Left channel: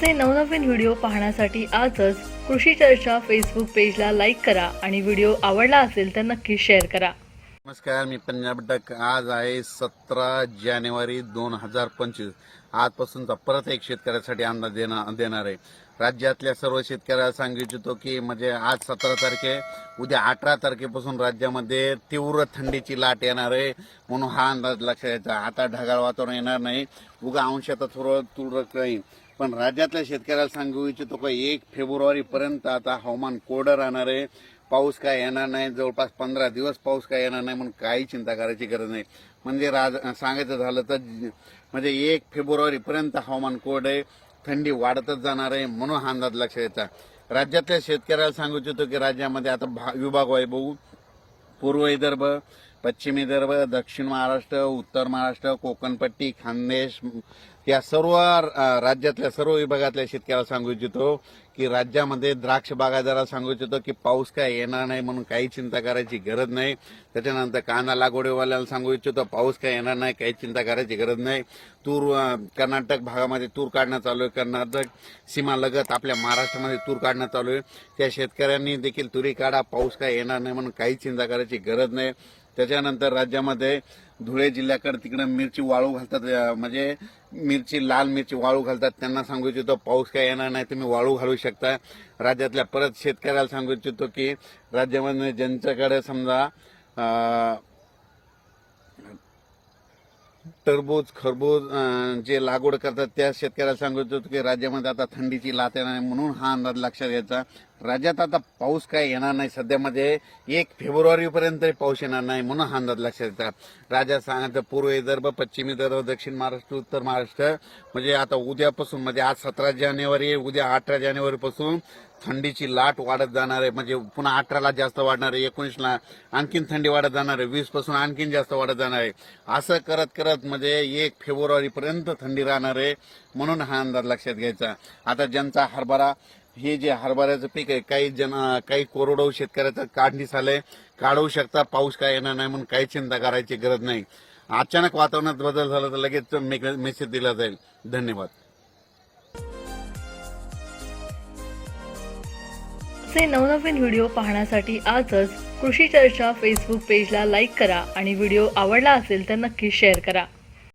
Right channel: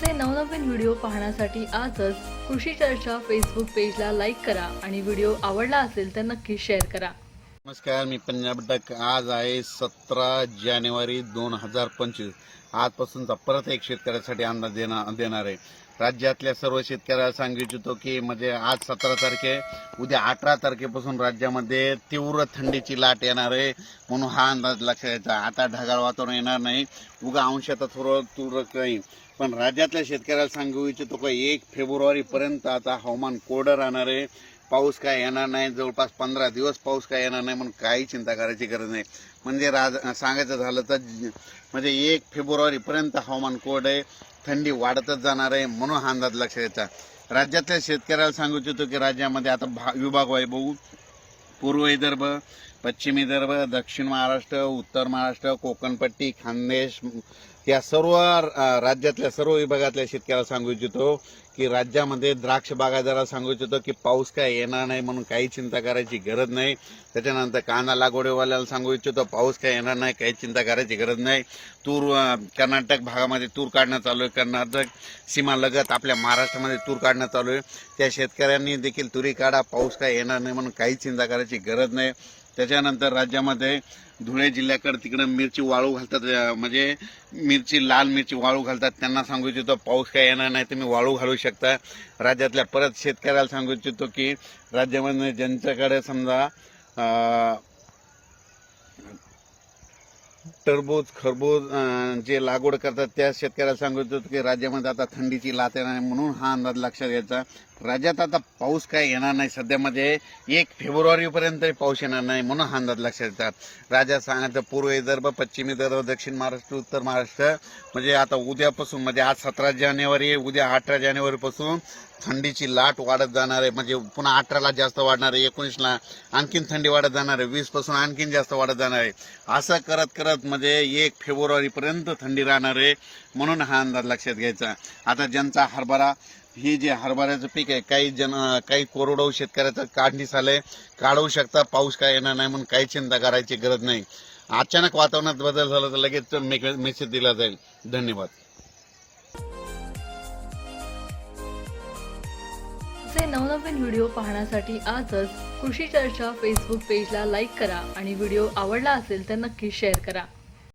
आमचे नवनवीन व्हिडिओ पाहण्यासाठी आजच कृषी चर्चा फेसबुक पेजला लाईक करा आणि व्हिडिओ आवडला असेल तर नक्की शेअर करा. नमस्कार मी पंजाब डक आज आहे सतरा जानेवारी दोन हजार पंचवीस. आजपासूनचा परत एक शेतकऱ्यासाठी अंदाज देणार देणार आहे. राज्यातल्या सर्व शेतकऱ्याला सांगू इच्छितो की म्हणजे आज सतरा तारखे उद्या अठरा तारखेपासून राज्यामध्ये तीव्र थंडीची लाट येणार आहे म्हणून हा अंदाज लक्षात घ्यायचा. आता ढगाळ वातावरण येणार नाही उगा अंशात थोडं तुरळक राहील. पण राज्यातल्या शेतकऱ्याला सांगू इच्छितो का एक फेब्रुवारीपर्यंत आता हवामान कोरडं राहणार आहे. पाऊस काय येणार नाही जवळपास पंधरा दिवस पाऊस काय येणार नाही म्हणून काही चिंता करायची गरज नाही. म्हणजे राज सांगायचं झालं तर म्हणजे एक फेब्रुवारीपर्यंत हवामान कोरडं आहे. थंडी वाढतच जाणार आहे म्हणून हा अंदाज लक्षात घ्यायचा राज्यातल्या शेतकऱ्याला सांगू इच्छितो की राज्यामध्ये आता भा विभाग वैभव पूर्व विदर्भ पश्चिम विदर्भ दक्षिण महाराष्ट्र उत्तर महाराष्ट्र कोकणपट्टी खानदेश या सर्व राज्यातल्या सर्व विभागातल्या शेतकऱ्याला सांगू इच्छितो की राज्यामध्ये द्राक्ष बागायदाराला सांगू इच्छितो की पाऊस काय येणार नाही म्हणून काही चिंता करायची गरज नाही. त्याच्यानंतर कांदा लागवडीवाल्याला सांगू इच्छितो पाऊस काय येणार नाही काही चिंता करायची गरज नाही. तूर कर्नाटक भागामध्ये तूर काढणं चालू आहे. कर्नाटक सीमालगत आपल्या महाराष्ट्रामध्ये तूर काढणं चालू आहे. त्या शेतकऱ्यांनी देखील तुरी काढा पाऊस काय येणार नाही म्हणून काही चिंता करायची गरज नाही. त्याच्यानंतर राज्यामध्ये धुळे जिल्ह्याकडे तिकडं मिरची वाळू घालतात. म्हणजे मिरची लाल मिरची वाळू घालतात. त्यांना सांगू इच्छितो पाऊस काय येणार नाही तुम्ही वाळू घालू शकता. राज्यातल्या परत शेतकऱ्याला सांगू इच्छितो की राज्यामध्ये ज्यांच्याकडे समजा टरबूज खरबूज जे लागवड करतात त्या शेतकऱ्याला सांगू इच्छितो की राज्यामध्ये आता थंडीची लाट येणार म्हणून हा अंदाज लक्षात घ्यायचा. राज्यात आता पाऊस काय येणार नाही. सध्यामध्ये म्हणजे एक फेब्रुवारीपर्यंत पाऊस येणार नाही म्हणून हा अंदाज लक्षात येतात राज्यात सांगायचं पूर्व विदर्भ पश्चिम विदर्भ दक्षिण महाराष्ट्र उत्तर महाराष्ट्र. म्हणजे आता उद्यापासून म्हणजे आज सतरा जानेवारी उद्या अठरा जानेवारीपासून थंडीची लाट वाढत जाणार आहे. म्हणजे पुन्हा अठराला जास्त वाढणार आहे एकोणीसला आणखीन थंडी वाढत जाणार आहे वीसपासून आणखीन जास्त वाढत जाणार आहे. असं करत करत म्हणजे एक फेब्रुवारीपर्यंत थंडी राहणार आहे म्हणून हा अंदाज लक्षात घ्यायचा. आता ज्यांचा हरभरा हे जे हरभऱ्याचं पीक आहे काही जन काही कोरडवाहू शेतकऱ्याचं काढणीस आलंय काढू शकता पाऊस काय येणार नाही म्हणून काही चिंता करायची गरज नाही. अचानक वातावरणात बदल झाला तर लगेच मेसेज दिला जाईल. धन्यवाद. असे नवनवीन व्हिडिओ पाहण्यासाठी आजच कृषी चर्चा फेसबुक पेजला लाईक करा आणि व्हिडिओ आवडला असेल तर नक्की शेअर करा.